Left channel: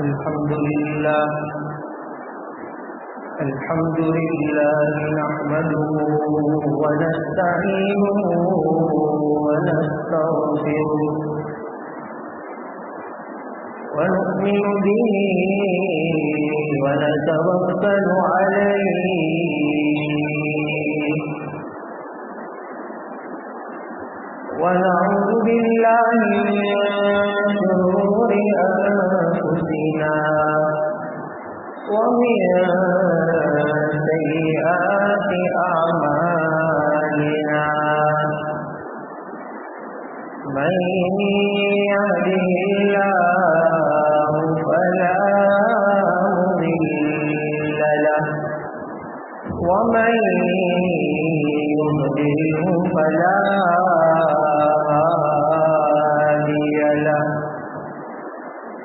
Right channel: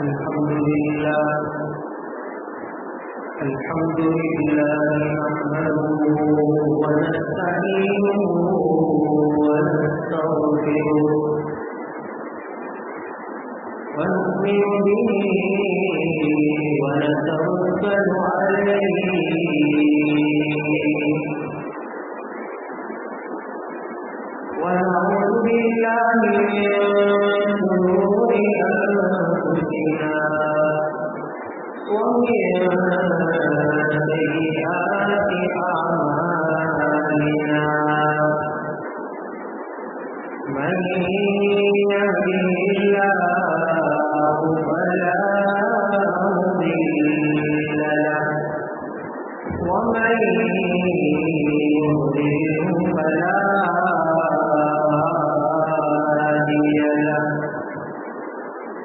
الحمد لله نحمده ونستعينه ونستغفره ونؤمن به ونتوكل عليه ونعوذ بالله من شرور أنفسنا ومن سيئات أعمالنا من يهده الله فلا مضل له ومن يضلله فلا هادي له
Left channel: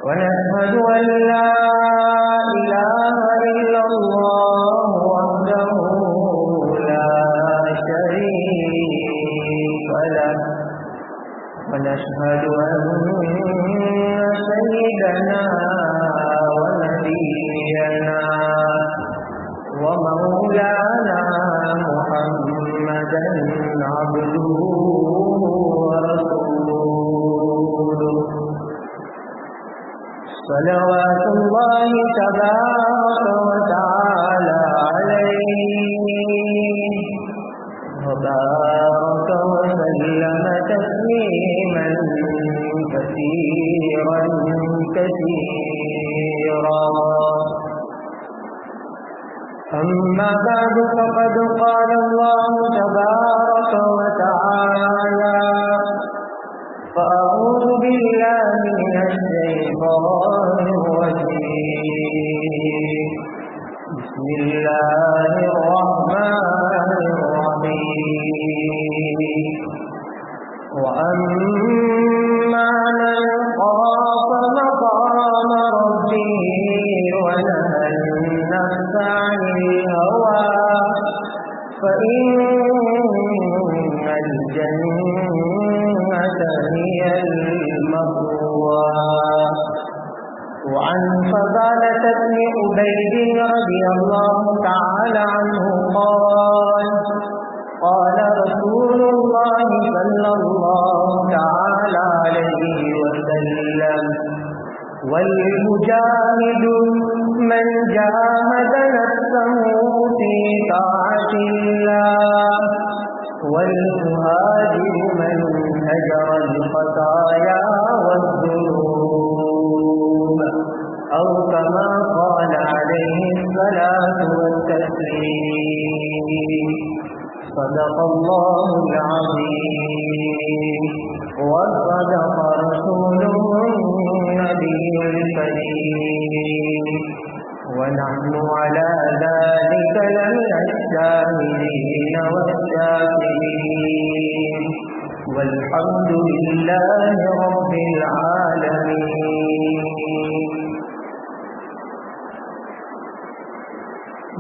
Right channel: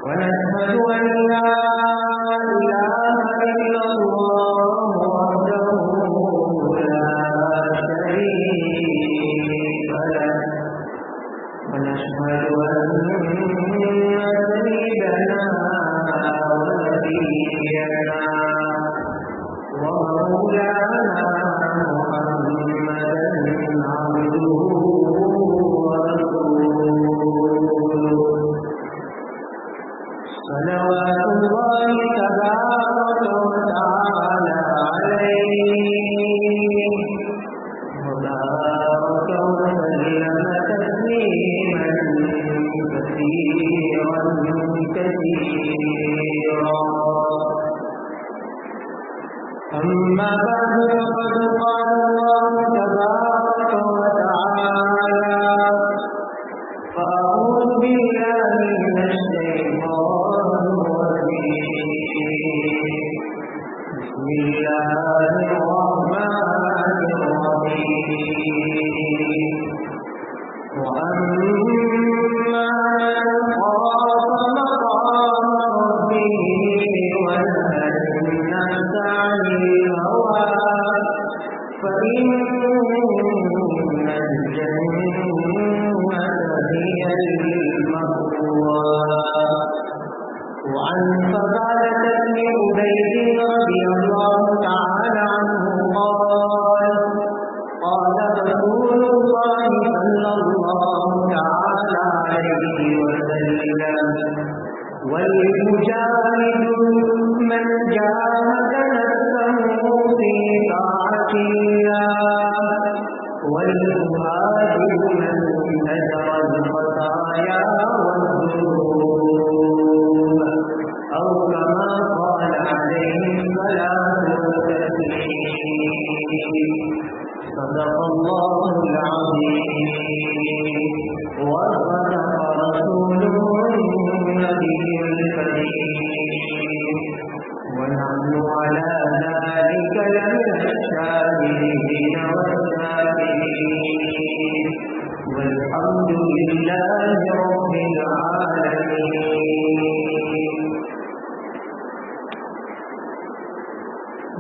ونشهد أن لا إله إلا الله وحده لا شريك له ونشهد أن سيدنا ونبينا ومولانا محمدا عبده ورسوله صلوات الله تبارك وتعالى عليه وبارك وسلم تسليما كثيرا أما بعد فقد قال الله تبارك وتعالى فأعوذ بالله من الشيطان الرجيم بسم الله الرحمن الرحيم وأما من خاف مقام ربه ونهى النفس عن الهوى فإن الجنة هي المأوى وعن فضالة بن عبيد رضي الله تعالى عنه قال رسول الله صلى الله تعالى عليه وسلم والمجاهد من جاهد نفسه في طاعة الله والمهاجر من هجر الخطايا والذنوب أو كما قال عليه الصلاة والتسليم صدق الله العظيم وصدق رسوله النبي الكريم ونحن على ذلك لمن الشاهدين والشاكرين والحمد لله رب العالمين.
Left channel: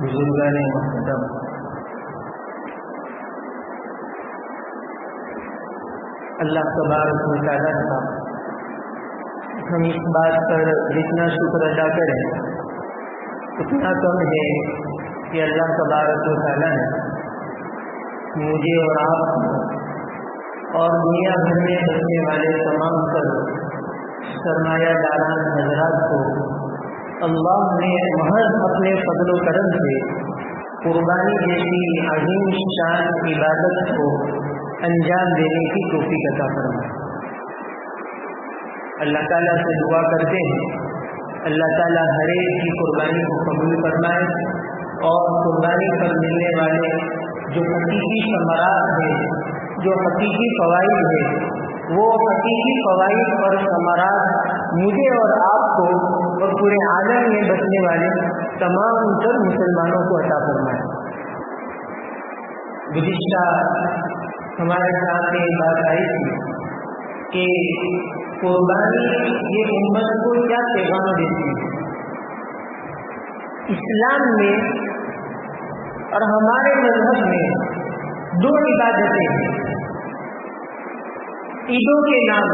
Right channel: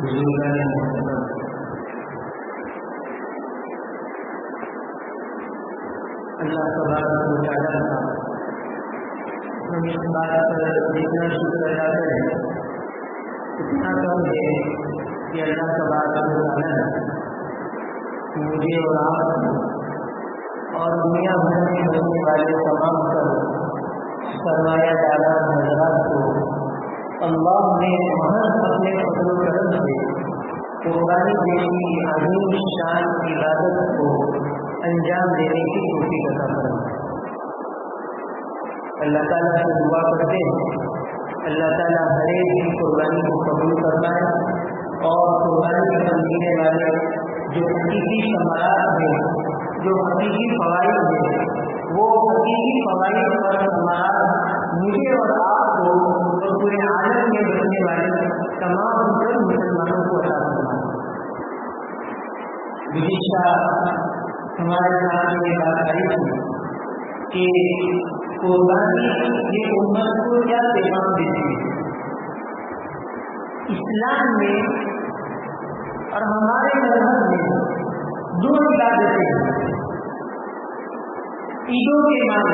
بزرگان محترم، اللہ تبارک و تعالیٰ ہم اس بات پر جتنا شکر ادا کریں اتنا کم ہے کہ اللہ تبارک و تعالیٰ مجھے اور آپ اور دنیا بھر میں بسنے والے تمام تر سرمایہ داران حضرات کو اللہ نے محض اپنے فضل و کرم سے قربانی جیسی عظیم شان عبادت کو انجام دینے کی توفیق عطا فرمائے. اللہ تعالیٰ سے دعا کرتے ہیں اللہ تعالیٰ ہر ایک کی قربانی کو قبول فرمائے اور قربانی پر ملنے والے جو حقیقی ثمرات ہیں، جو حقیقی فوائد ہیں، وہ حقیقی فوائد اور ثمرات مجھے اور آپ کو اور پورے عالم میں بسنے والے تمام تر مسلمانوں کو عطا فرمائے. گزشتہ ہمارے سامنے یہ بات آئی تھی کہ قربانی یہ امت کو کیا پیغام دیتی ہے. اسلام میں اور ہمارے مذہب میں دو عبادتیں ہیں عیدوں کے نام.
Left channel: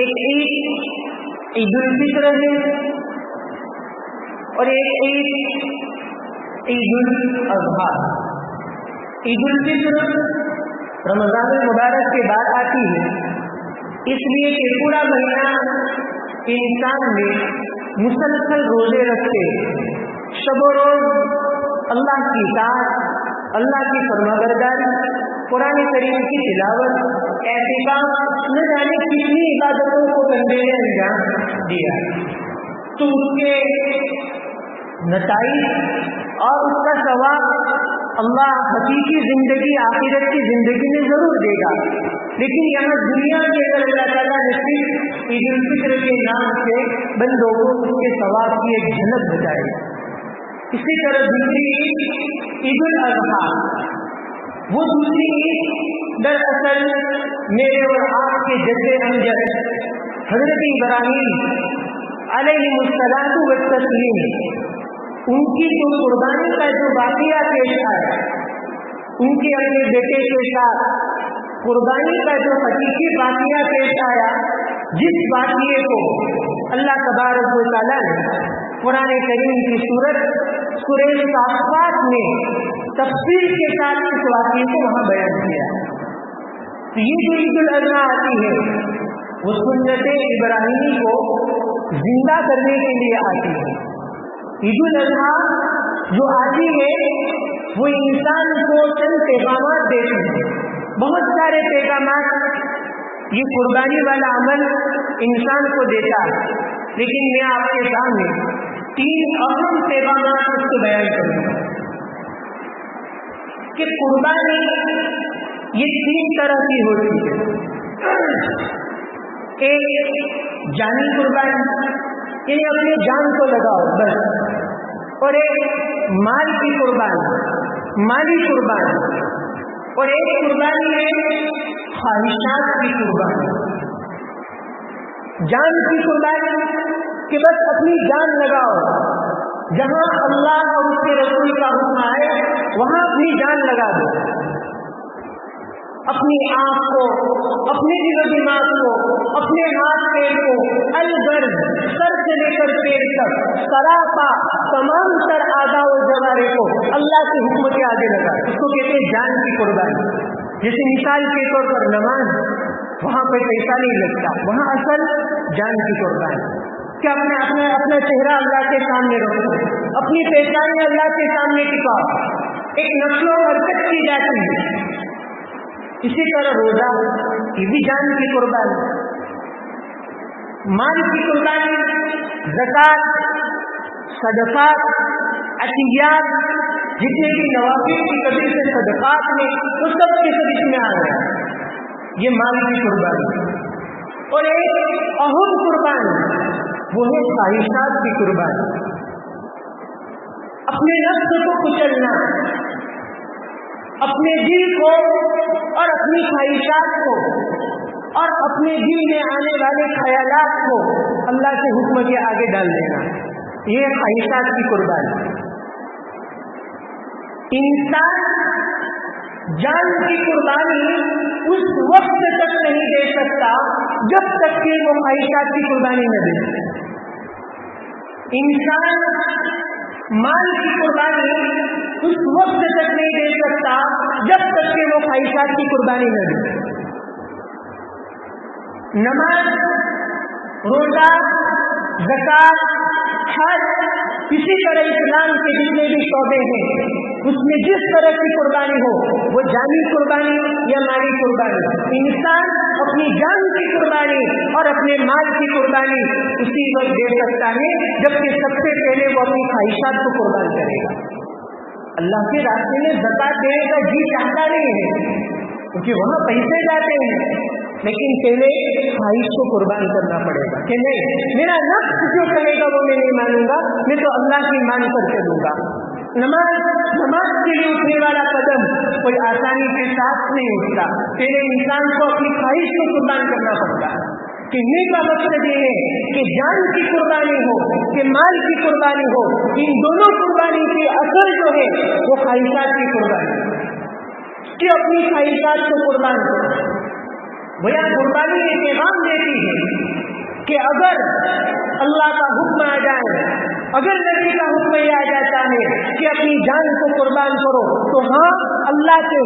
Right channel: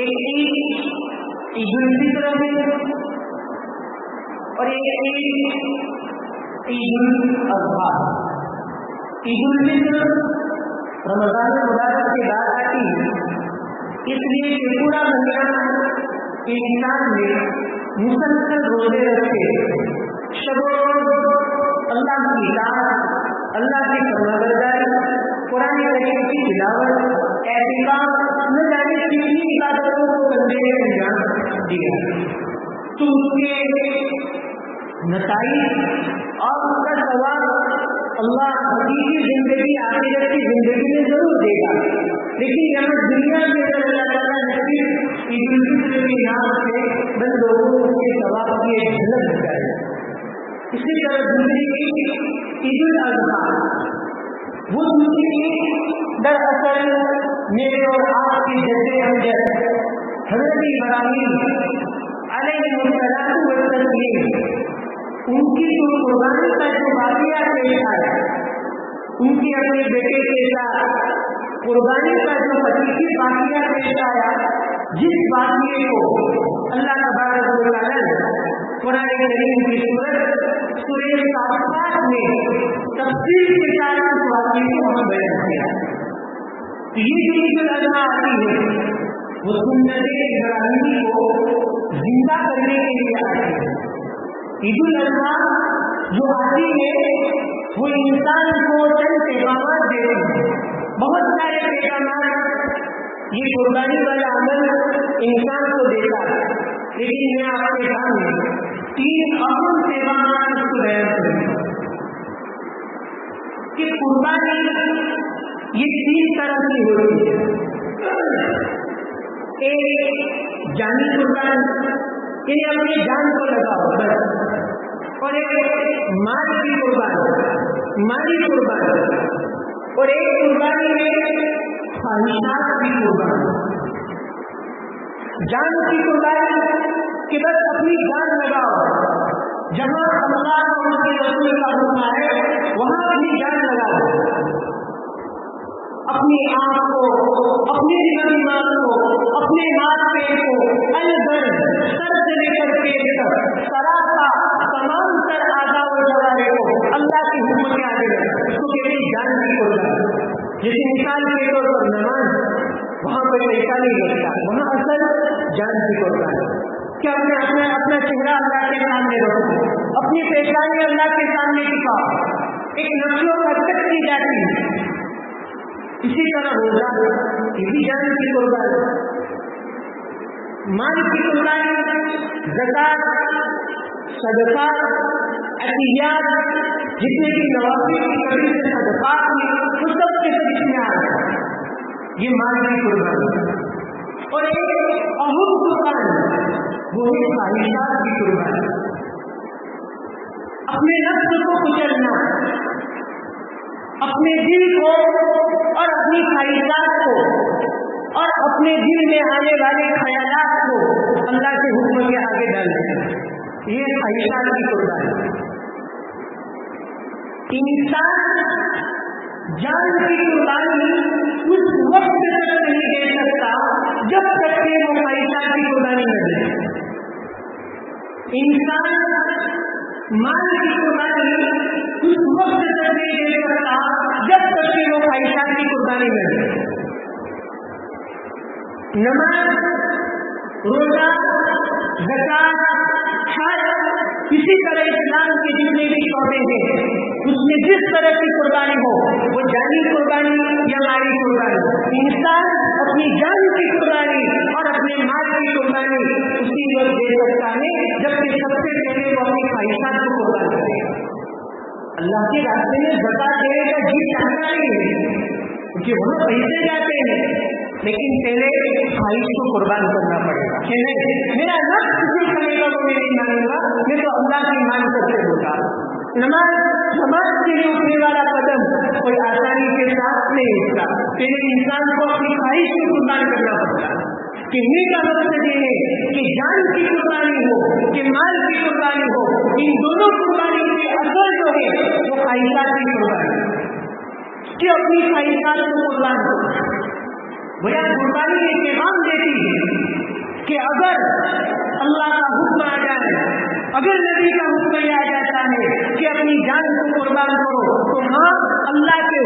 ایک عید عید الفطر ہے اور ایک عید الاضحیٰ. عید الفطر رمضان المبارک کے بعد آتی ہے، اس لیے کہ پورا مہینہ انسان میں مسلسل روزے رکھتے، شب و روز اللہ کی اطاعت، اللہ کی فرمانبرداری، قرآن کریم کی تلاوت، اعتکاف، نہ جانے کتنی عبادتوں کو بندے نے انجام دیا. تو اس کے نتائج اور اس کا ثواب اللہ حقیقی زندگی، آخرت کی زندگی میں ضرور دے گا. لیکن یہاں دنیا میں اگر اللہ تعالیٰ نے صرف عید الفطر کے نام سے بندوں کو اس کے ثواب کی ایک جھلک بتائی. اسی طرح دوسری عید الاضحیٰ، وہ دوسری عید دراصل میرے اور آپ کے جد امجد حضرت ابراہیم علیہ السلام والتسلیم، ان کی جو قربانی کا جو واقعہ پیش آیا، ان کے اپنے بیٹے کے ساتھ قربانی کا جو حقیقی واقعہ پیش آیا، جس واقعے کو اللہ تبارک و تعالیٰ نے قرآن کریم کی سورہ صافات میں تفصیل کے ساتھ اس واقعے کو وہاں بیان کیا. تو یہ جو عید الاضحیٰ آتی ہے وہ سنت ابراہیمی کو زندہ کرنے کے لیے آتی ہے. عید الاضحیٰ جو آتی ہے وہ انسان کو چند پیغامات دیتے ہیں، بہت سارے پیغامات یہ قربانی والا عمل انسان کو دیتا ہے، لیکن میں آپ کے سامنے 3 اہم پیغامات اس کو بیان کروں گا کہ قربانی یہ 3 طرح کی ہوتی ہے. ایک جانی قربانی، یعنی اپنے جان کو لگاؤ بس، اور ایک مال کی قربانی، مالی قربانی، اور ایک قربانی ہے خواہشات کی قربانی. جان کی قربانی کہ بس اپنی جان لگاؤ، جہاں اللہ اور اس کے رسول کا حکم آئے وہاں اپنی جان لگا دو، اپنی آنکھ کو، اپنے دل و دماغ کو، اپنے ہاتھ پیر کو، البر سر سے لے کر پیر تک، سراپا تمام تر اعضاء و جوارح کو اللہ کے حکم کے آگے لگا. اس کو کہتے ہیں جان کی قربانی. جیسے مثال کے طور پر نماز، وہاں پہ پیسہ نہیں لگتا، وہاں اصل جان کی قربانی. کہ اپنا چہرہ اللہ کے سامنے رکھو، اپنی پہچان اللہ کے سامنے ٹکاؤ، ایک نفس و حرکت کی جاتی ہے. اسی طرح روزہ یہ بھی جان کی قربانی. مال کی قربانی، زکات، صدقہ، عطیات، جتنے بھی نوافل کی وجہ سے صدقات میں وہ سب کے سب اس میں آ گئے، یہ مال کی قربانی. اور ایک اہم قربانی وہ ہے خواہشات کی قربانی. اپنے نفس کو کچلنا، اپنے دل کو اور اپنی خواہشات کو اور اپنے دل میں آنے والے خیالات کو اللہ کے حکم کے آگے ڈال دینا، یہ خواہشات کی قربانی. انسان جان کی قربانی اس وقت تک نہیں دے سکتا جب تک کہ وہ خواہشات کی قربانی نہ دے. انسان مال کی قربانی اس وقت تک نہیں دے سکتا جب تک کہ وہ خواہشات کی قربانی نہ دے. نماز، روزہ، زکات، حج، اسی طرح اسلام کے جتنے بھی شعبے ہیں اس میں جس طرح کی قربانی ہو، وہ جانی قربانی یا مالی قربانی، انسان اپنی جان کی قربانی اور اپنے مال کی قربانی اسی وقت دے سکتا ہے جبکہ سب سے پہلے وہ اپنی خواہشات کو قربان کرے گا. اللہ کے راستے میں زکات دینے کا جی چاہتا نہیں ہے کیونکہ وہاں پیسے جاتے ہیں، لیکن پہلے خواہش کو قربان کرنا پڑے گا کہ نہیں، میرا نفس جو کرے گا وہ میں نہیں مانوں گا، میں تو اللہ کی مان کر کے دوں گا. نماز کے لیے اٹھنے والا قدم کوئی آسانی کے ساتھ نہیں اٹھتا، پہلے انسان کو اپنی خواہش کو قربان کرنا پڑتا. کہنے کا مقصد یہ ہے کہ جان کی قربانی ہو کہ مال کی قربانی ہو، ان دونوں قربانیوں کے اثر جو ہے وہ خواہشات کی قربانی کہ اپنی خواہشات کو قربان کرو. بھیا قربانی یہ پیغام دیتی ہے کہ اگر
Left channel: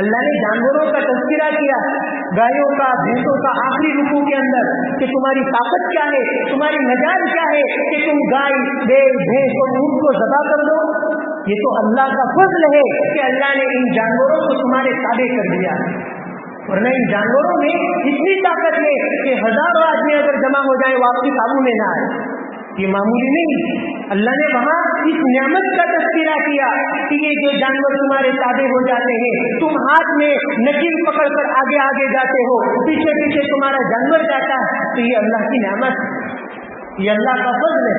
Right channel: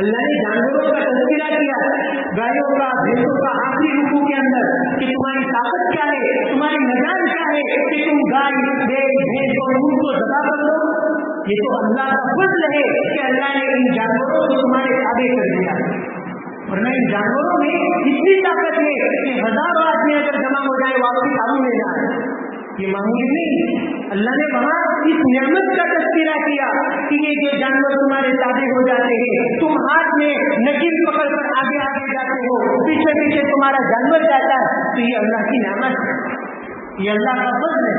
اللہ نے جانوروں کا تذکرہ کیا، گایوں کا، بھینسوں کا آخری رکوع کے اندر کہ تمہاری طاقت کیا ہے، تمہاری مجال کیا ہے کہ تم گائے، بیل، بھینس اور اونٹ کو ذبح کر دو۔ یہ تو اللہ کا فضل ہے کہ اللہ نے ان جانوروں کو تمہارے تابع کر دیا، ورنہ ان جانوروں میں اتنی طاقت ہے کہ ہزاروں آدمی اگر جمع ہو جائے وہ آپ کی قابو میں نہ آئے۔ یہ معمولی نہیں، اللہ نے وہاں اس نعمت کا تذکرہ کیا کہ یہ جو جانور تمہارے تابع ہو جاتے ہیں، تم ہاتھ میں نکیل پکڑ کر آگے آگے جاتے ہو، پیچھے پیچھے تمہارا جانور جاتا ہے، تو یہ اللہ کی نعمت ہے، یہ اللہ کا فضل ہے۔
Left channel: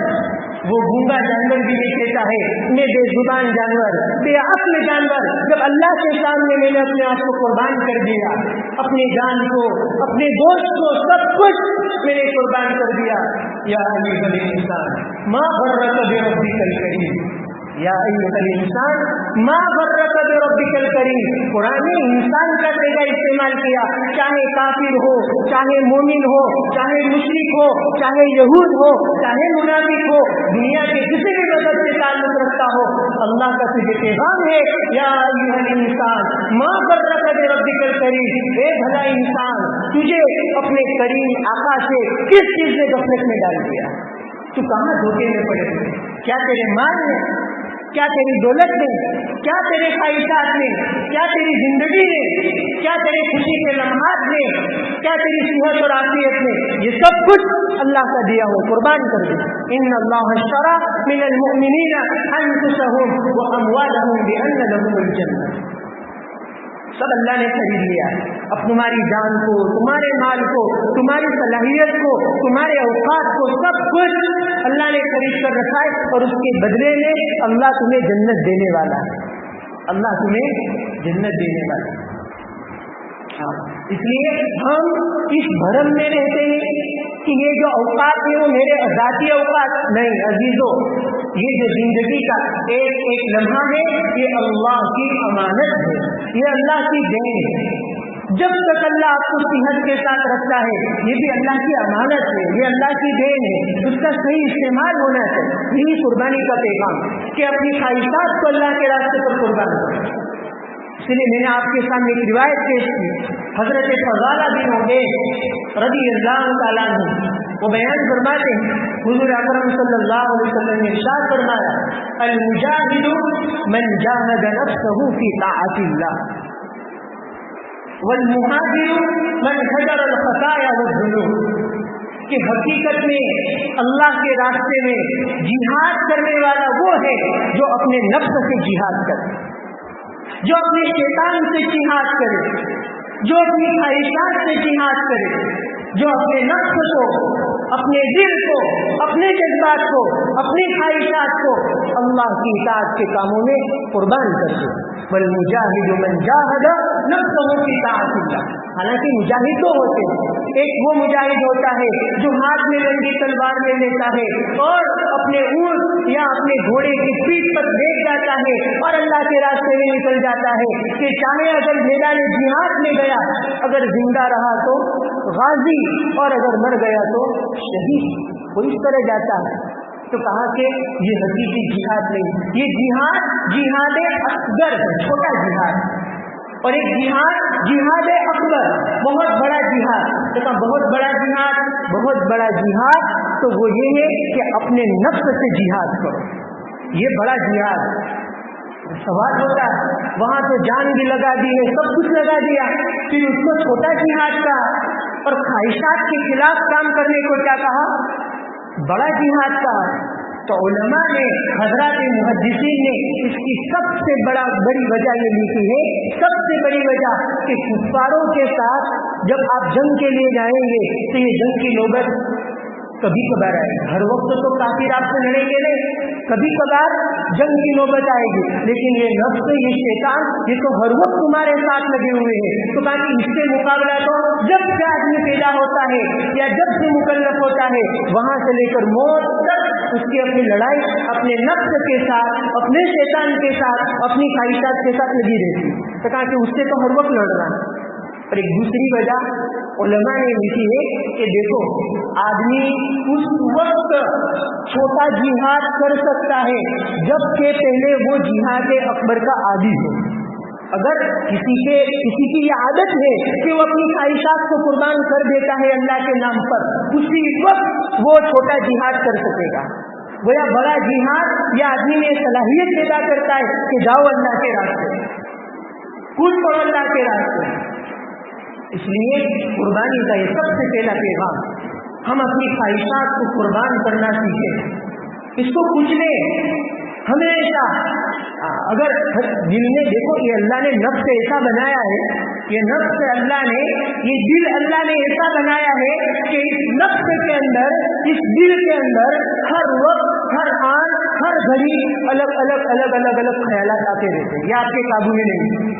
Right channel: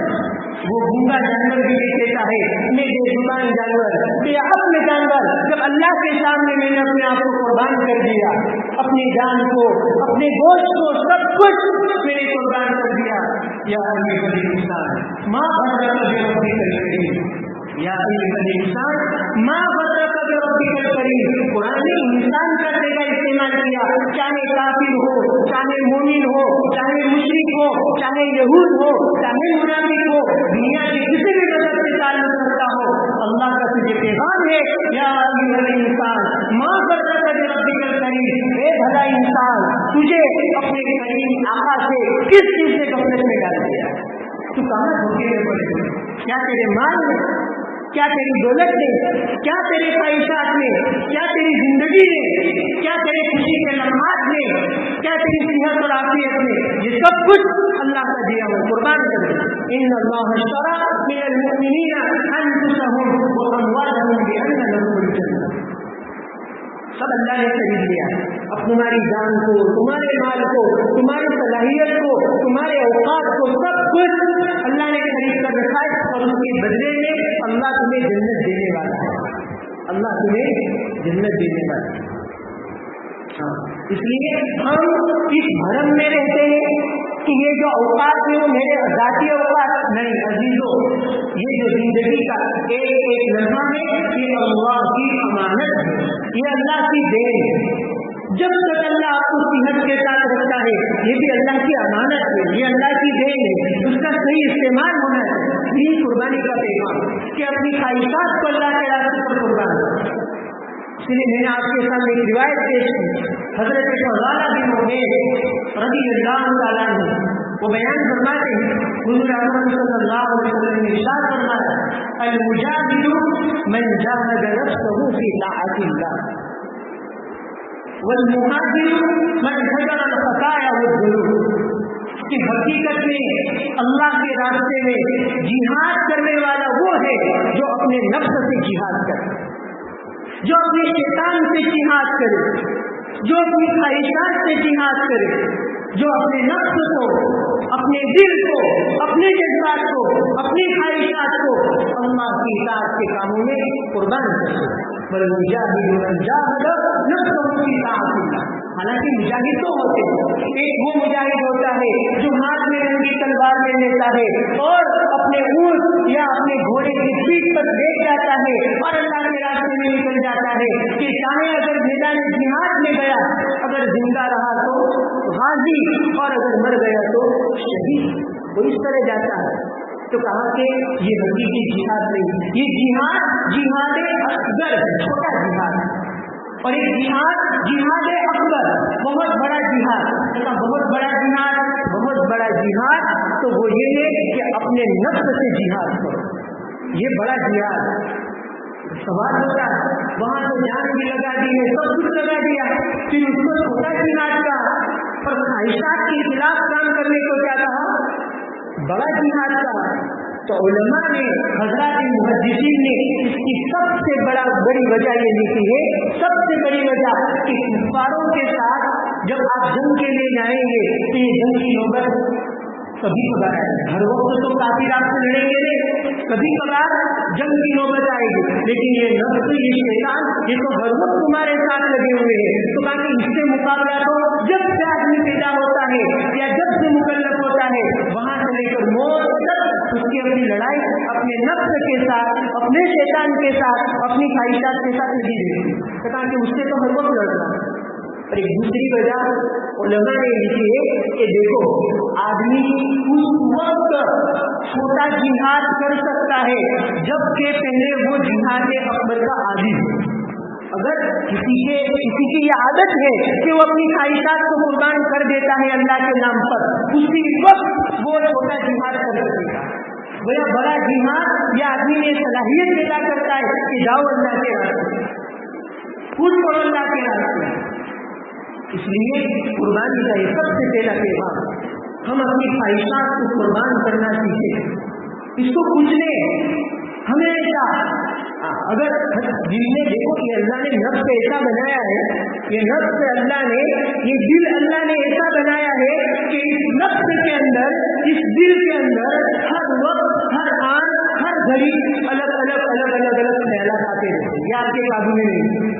وہ گونگا جانور بھی یہ کہتا ہے، میں بے زبان جانور، بے عقل جانور، جب اللہ کے سامنے میں نے اپنے آپ کو قربان کر دیا، اپنی جان کو، اپنے دوست کو، سب کچھ میں نے قربان کر دیا۔ یا ایھا الانسان ما غرک بربک الکریم، یا ایھا الانسان ما غرک بربک الکریم۔ قرآن نے انسان کا صیغہ استعمال کیا، چاہے کافر ہو، چاہے مومن ہو، چاہے مشرک ہو، چاہے یہود ہو، چاہے منافق ہو، دنیا کے کسی بھی مذہب سے تعلق رکھتا ہو، اللہ کا تجھے پیغام ہے، یا ایھا الانسان ما غرک بربک الکریم، اے بھلا انسان، تجھے اپنے کریم آقا سے کس چیز نے غفلت میں ڈال دیا؟ تو کہاں دھوکے میں پڑے ہوئے؟ کیا تیرے مال میں، کیا تیری دولت میں، کیا تیرے خواہشات میں، کیا تیری زندگی میں، کیا تیرے خوشی کے لمحات میں، کیا تیری صحت اور عافیت میں؟ یہ سب کچھ اللہ کا دیا ہو، قربان کر دے۔ ان اللہ اشتری من المؤمنین انفسهم واموالهم بان لهم الجنہ، سب اللہ نے خرید لیا، اب تمہاری جان کو، تمہارے مال کو، تمہاری صلاحیت کو، تمہارے اوقات کو، سب کچھ اللہ نے خرید کر رکھا ہے، اور اس کے بدلے میں اللہ تمہیں جنت دینے والا ہے، اللہ تمہیں جنت دینے والا ہے۔ ہاں، اس لیے ہم اس بھرم میں رہتے ہیں کہ یہ جو اوقات ہیں وہ میرے ذاتی اوقات نہیں، عزیزوں، یہ جو زندگی کا ایک ایک لمحہ ہے یہ اللہ کی امانت ہے، یہ اللہ کی دین ہے۔ جب تک اللہ آپ کو صحت کے ساتھ رکھتا ہے یہ بھی اللہ کی امانت ہے، یہ اللہ کی دین ہے، اس کا صحیح استعمال ہونا ہے۔ یہی قربانی کا پیغام کہ اپنی خواہشات کو اللہ کے راستے پر قربان کرو۔ اس لیے میں نے آپ کے سامنے ایک روایت پیش کی، حضرت فضالہ بن عبید رضی اللہ تعالیٰ عنہ وہ بیان فرماتے ہیں، حضور اکرم صلی اللہ علیہ وسلم نے ارشاد فرمایا، المجاہد من جاہد نفسہ فی طاعت اللہ، والمہاجر من ہجر الخطایا والذنوب، کہ حقیقت میں اللہ کے راستے میں جہاد کرنے والا وہ ہے جو اپنے نفس سے جہاد کرے، جو اپنے شیطان سے جہاد کرے، جو اپنی خواہشات سے جہاد کرے، جو اپنے نفس کو، اپنے دل کو، اپنے جذبات کو، اپنی خواہشات کو اللہ کی اطاعت کے کاموں میں قربان کرے۔ والمجاہد من جاہد نفسہ فی طاعت اللہ، حالانکہ مجاہد تو ہوتے ہیں، ایک وہ مجاہد ہوتا ہے جو ہاتھ میں رنگی تلوار لے لیتا ہے اور اپنے اونٹ یا اپنے گھوڑے کی پیٹھ پر بیٹھ جاتا ہے اور اللہ کے راستے میں نکل جاتا ہے کہ چاہے اگر میدان جہاد میں گیا، اگر زندہ رہا تو غازی اور اگر مر گیا تو شہید، وہ اس طرح جاتا ہے۔ تو کہا کہ یہ حقیقی جہاد نہیں، یہ جہاد جہاد اصغر ہے، چھوٹا جہاد، اور ایک جہاد جہاد اکبر، بہت بڑا جہاد۔ بہت بڑا جہاد، بہت بڑا جہاد تو وہ یہ ہے کہ اپنے نفس سے جہاد کرو، یہ بڑا جہاد۔ سوال ہوتا وہاں تو جان بھی لگا دی ہے، سب کچھ لگا دیا، پھر اس کو چھوٹا جہاد کا اور خواہشات کے خلاف کام کرنے کو کیا کہا؟ بڑا جہاد کا۔ تو علماء نے، حضرات محدثین نے اس کی سب سے بڑی وجہ یہ لکھی ہے، سب سے بڑی وجہ کہ کفاروں کے ساتھ جب آپ جنگ کے لیے جائیں گے تو یہ جنگ کی نوبت کبھی کبھار آئے گی، ہر وقت تو کافر آپ سے لڑیں گے نہیں، کبھی کبھار جنگ کی نوبت آئے گی، لیکن یہ نفس، یہ شیطان، یہ تو ہر وقت تمہارے ساتھ لگے ہوئے ہیں۔ تو کہا کہ اس سے مقابلہ تو جب سے آدمی پیدا ہوتا ہے یا جب سے مکلف ہوتا ہے وہاں سے لے کر موت تک اس کی اپنی لڑائی اپنے نفس کے ساتھ، اپنے شیطان کے ساتھ، اپنی خواہشات کے ساتھ لگی رہتی ہے۔ تو کہا کہ اس سے تو ہر وقت لڑنا۔ اور ایک دوسری وجہ علماء نے لکھی ہے کہ دیکھو، آدمی اس وقت چھوٹا جہاد کر سکتا ہے جب کہ پہلے وہ جہاد اکبر کا عادی ہو۔ اگر کسی کی یہ عادت ہے کہ وہ اپنی خواہشات کو قربان کر دیتا ہے اللہ کے نام پر، اسی وقت وہ چھوٹا جہاد کر سکے گا. وہ بڑا جہاد یہ آدمی میں صلاحیت پیدا کرتا ہے کہ جاؤ اللہ کے راستے، خود پڑھو اللہ کے راستے. اس لیے قربانی کا یہ سب سے پہلا پیغام، ہم اپنی خواہشات کو قربان کرنا سیکھیں، اس کو کچلے ہمیشہ. اگر دل میں دیکھو کہ اللہ نے نفس ایسا بنایا ہے، یہ نفس اللہ نے، یہ دل اللہ نے ایسا بنایا ہے کہ اس نفس کے اندر، اس دل کے اندر ہر وقت، ہر آن، ہر گھڑی الگ الگ خیالات آتے رہتے ہیں. یہ آپ کے قابو میں نہیں.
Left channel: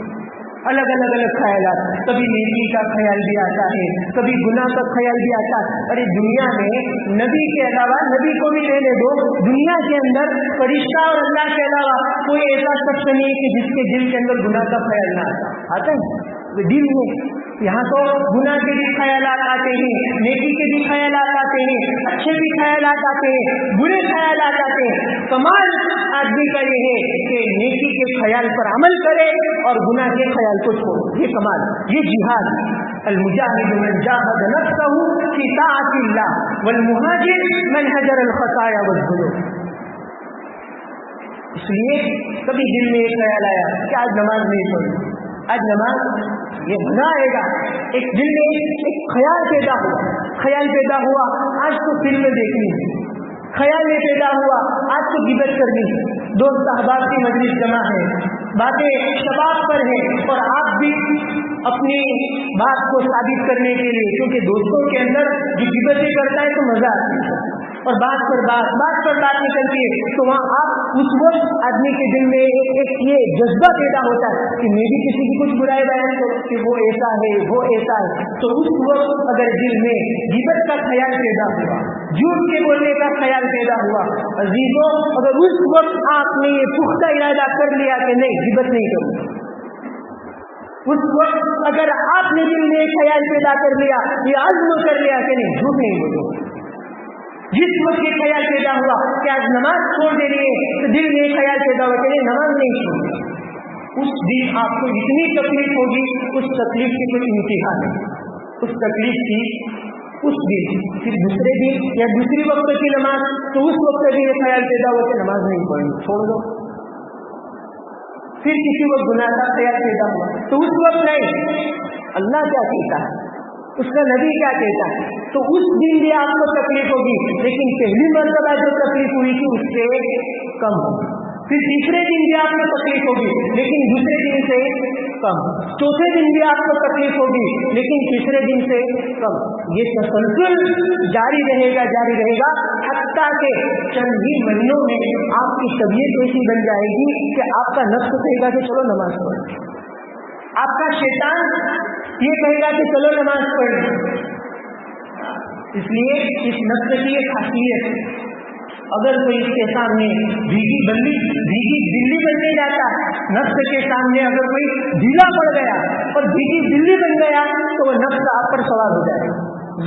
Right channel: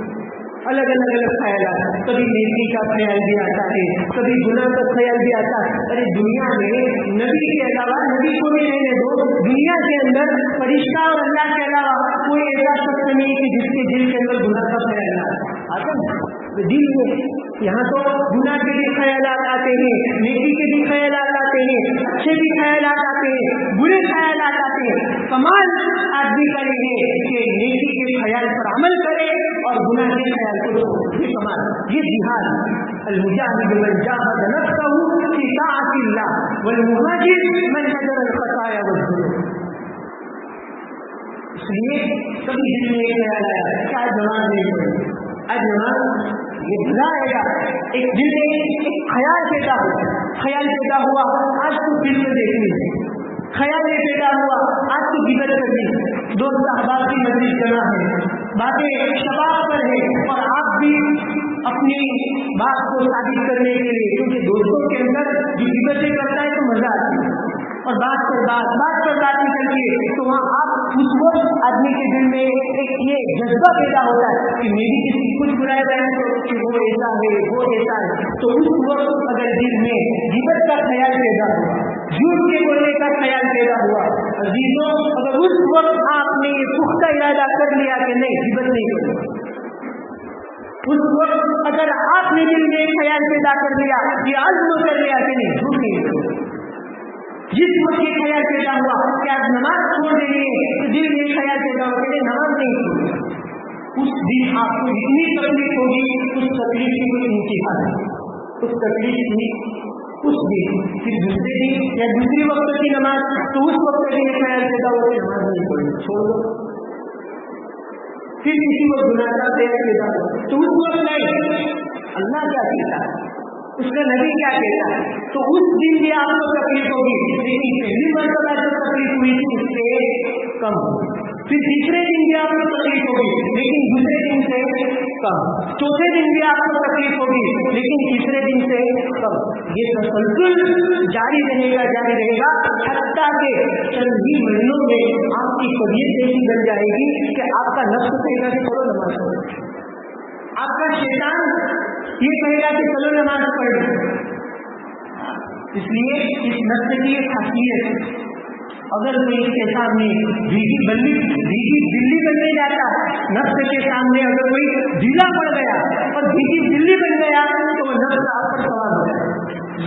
الگ الگ خیالات، کبھی نیکی کا خیال بھی آتا ہے، کبھی گناہ کا خیال بھی آتا ہے. ارے دنیا میں نبی کے علاوہ، نبی کو بھی رہنے دو، دنیا کے اندر فرشتہ اور اللہ کے علاوہ کوئی ایسا شخص نہیں کہ جس کے دل کے اندر گناہ کا خیال نہ آتا ہے. دل میں یہاں تو گناہ کے بھی خیالات آتے ہیں، نیکی کے بھی خیالات آتے ہیں، اچھے بھی خیالات آتے ہیں، برے خیالات آتے ہیں. کمال آدمی کا یہ ہے کہ نیکی کے خیال پر عمل کرے اور گناہ کے خیال کو چھوڑے. یہ کمال، یہ جہاد. المجاہد من جاہد نفسہ فی طاعت اللہ والمہاجر من حجر الخطایا والذنوب. اس لیے کبھی دل میں ایک خیال آیا کہ آج نماز نہیں پڑھی، آج نماز یہ گناہ آئے گا. ایک دل میں ایک خیال پیدا ہوا آج تو فلم دیکھنی ہے، خیال میں پیدا ہوا آج تو غیبت کرنی. دوست احباب کی مجلس جمع ہے، باتیں شباب پر ہے، اور آپ بھی اپنی بات کو ثابت کرنے کے لیے، کیونکہ دوستوں کے اندر جو غیبتیں کرتا ہے تو مزہ آتی ہے، اور بات پر بات نکلتی ہے، تو وہاں آپ اس وقت آدمی کے دل میں ایک یہ جذبہ پیدا ہوتا ہے کہ میری کسی کی کچھ برائی بیان کہ وہ ایسا ہے، وہ ایسا ہے. تو اس وقت اگر دل میں غیبت کا خیال پیدا ہوا، جھوٹ کے بولنے کا خیال پیدا ہوا، عزیزوں اگر اس وقت آپ نے یہ پختہ ارادہ کر لیا کہ نہیں غیبت نہیں کروں، اس وقت اگر آپ نے دل میں ایک خیال پیدا کر لیا، یہ عزم کر لیا کہ نہیں جھوٹ نہیں کروں، جس وقت یہ خیال پیدا ہوا کہ آج نماز چھوڑ دینی ہے، تو دل میں ایک خیال پیدا ہوا کہ نماز نہیں چھوڑی، اس دن آپ کو اتنی تکلیف ہوگی، اس تکلیف کی کوئی انتہا نہیں. اس تکلیف کی اس دن، پھر دوسرے دن یا دوسری وقت کی نماز، تو اس وقت بھی یہ خیال پیدا ہوا کہ نماز نہیں پڑھی، چھوڑ دو. پھر کسی وقت گناہ کا خیال پیدا ہوا تو اس وقت نہیں، اللہ کیا کہتا ہے، اس کا نبی کیا کہتا ہے، تو اس دن بھی آپ کو تکلیف ہوگی. لیکن پہلی مرتبہ جو تکلیف ہوئی تھی اس سے کم. پھر تیسرے دن بھی آپ کو تکلیف ہوگی لیکن دوسرے دن سے کم. چوتھے دن بھی آپ کو تکلیف ہوگی لیکن تیسرے دن سے کم. یہ تسلسل جاری رہے گا حتیٰ کہ چند ہی مہینوں میں آپ کی طبیعت ایسی بن جائے گی کہ آپ کا نفس کہے گا کہ چلو نماز پڑھو، آپ کا شیطان یہ کہے گا کہ چلو نماز پڑھو. اس لیے اس نفس کی ایک خاصیت ہے، اگر کوئی اس کے سامنے بھیگی بلی بننے جاتا، نفس کے سامنے اگر کوئی ڈھیلا پڑ گیا اور بھیگی بلی بن گیا تو وہ نفس آپ پر سوار ہو جائے،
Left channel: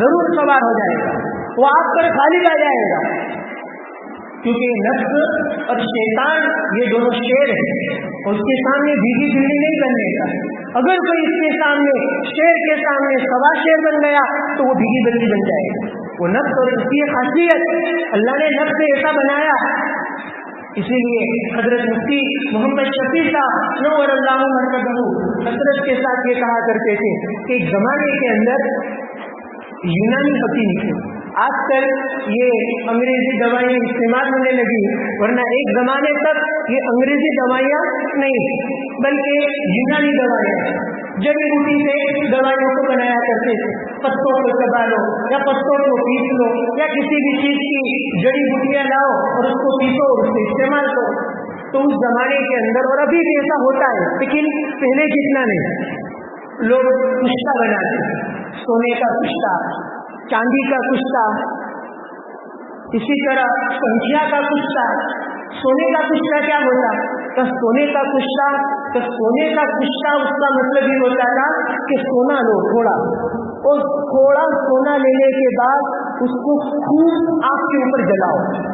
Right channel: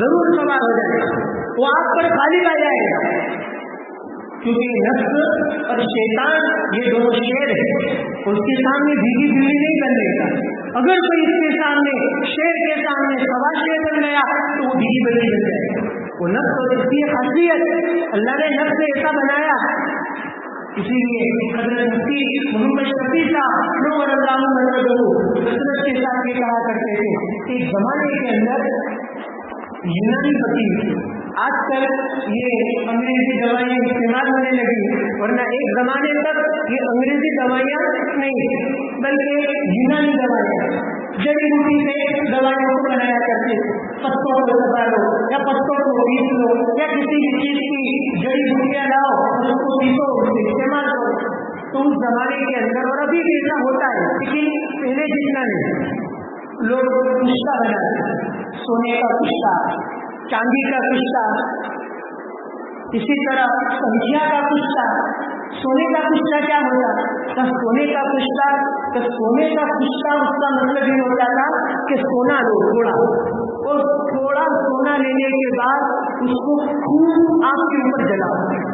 ضرور سوار ہو جائے، وہ آپ پر خالی آ جائے گا. کیونکہ نفس اور شیطان یہ دونوں شیر ہیں، اس کے سامنے بھیگی بلی نہیں بننے کا. اگر کوئی اس کے سامنے شیر کے سامنے سوا شیر بن گیا تو وہ بھیگی بلی بن جائے گا. وہ نفس اور اس کی خاصیت اللہ نے نفس ایسا بنایا. اسی لیے حضرت مفتی محمد شفیع صاحب نور اللہ محمد حضرت کے ساتھ یہ کہا کرتے تھے کہ ایک زمانے کے اندر یونانی حکیم تھے. آج کل یہ انگریزی دوائیاں استعمال ہونے لگی، ورنہ ایک زمانے تک یہ انگریزی دوائیاں نہیں تھی بلکہ یونانی دوائیاں، جڑی بوٹی سے دوائیوں کو بنایا کرتے تھے. پتوں کو کٹا لو یا پتوں کو پیس لو یا کسی بھی چیز کی جڑی بوٹیاں لاؤ اور اس کو پیسو، اس سے استعمال کرو. تو اس زمانے کے اندر اور ابھی بھی ایسا ہوتا ہے لیکن پہلے جتنا نہیں. لوگ کشتہ بناتے، سونے کا کشتہ، چاندی کا کشتہ، اسی طرح پنچھیا کا کشتہ. سونے کا کشتہ کیا ہوتا؟ سونے کا کشتہ اس کا مطلب یہ ہوتا تھا کہ سونا لو تھوڑا، اور تھوڑا سونا لینے کے بعد اس کو خوب آگ کے اوپر جلاؤ.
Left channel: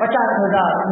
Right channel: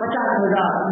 50,000,